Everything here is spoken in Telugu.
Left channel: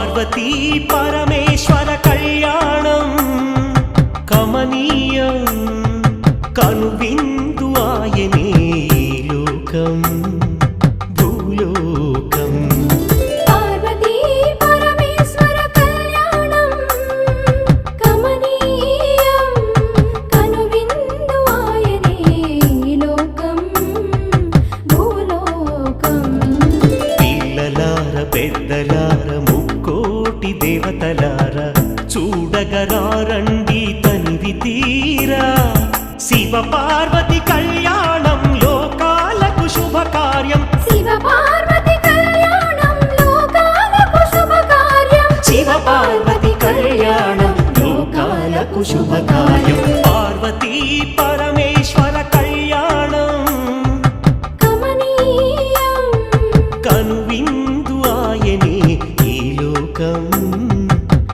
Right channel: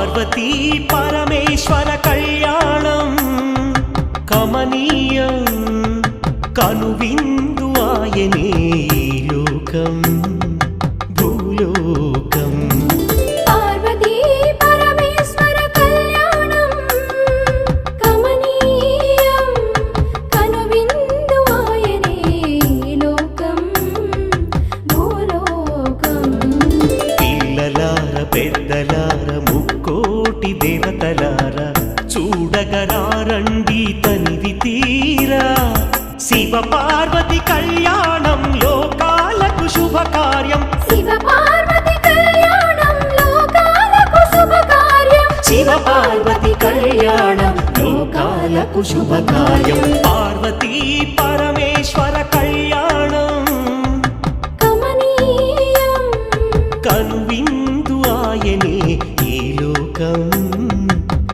పార్వతీ పరమేశ్వర కళ్యాణం కమనీయం కనువిందు ఆయనే ఈ లోకం భూలోకం. పార్వతీ పరమేశ్వర కళ్యాణం కమనీయం కనువిందు ఆయనే ఈ లోకం భూలోకం. పిల్లలార పెద్దలార ముక్కోటి దేవతలార చూడగరారండి తనివి తీరా శివ పార్వతి కళ్యాణం లోకాలకు శుభకార్యం. శివ పార్వతి కళ్యాణం లోకాలకు శుభకార్యం. శివ పార్వతి కళ్యాణం లోకాలకు శుభకార్యం. పార్వతీ పరమేశ్వర కళ్యాణం కమనీయం కనువిందు ఆయనే ఈ లోకం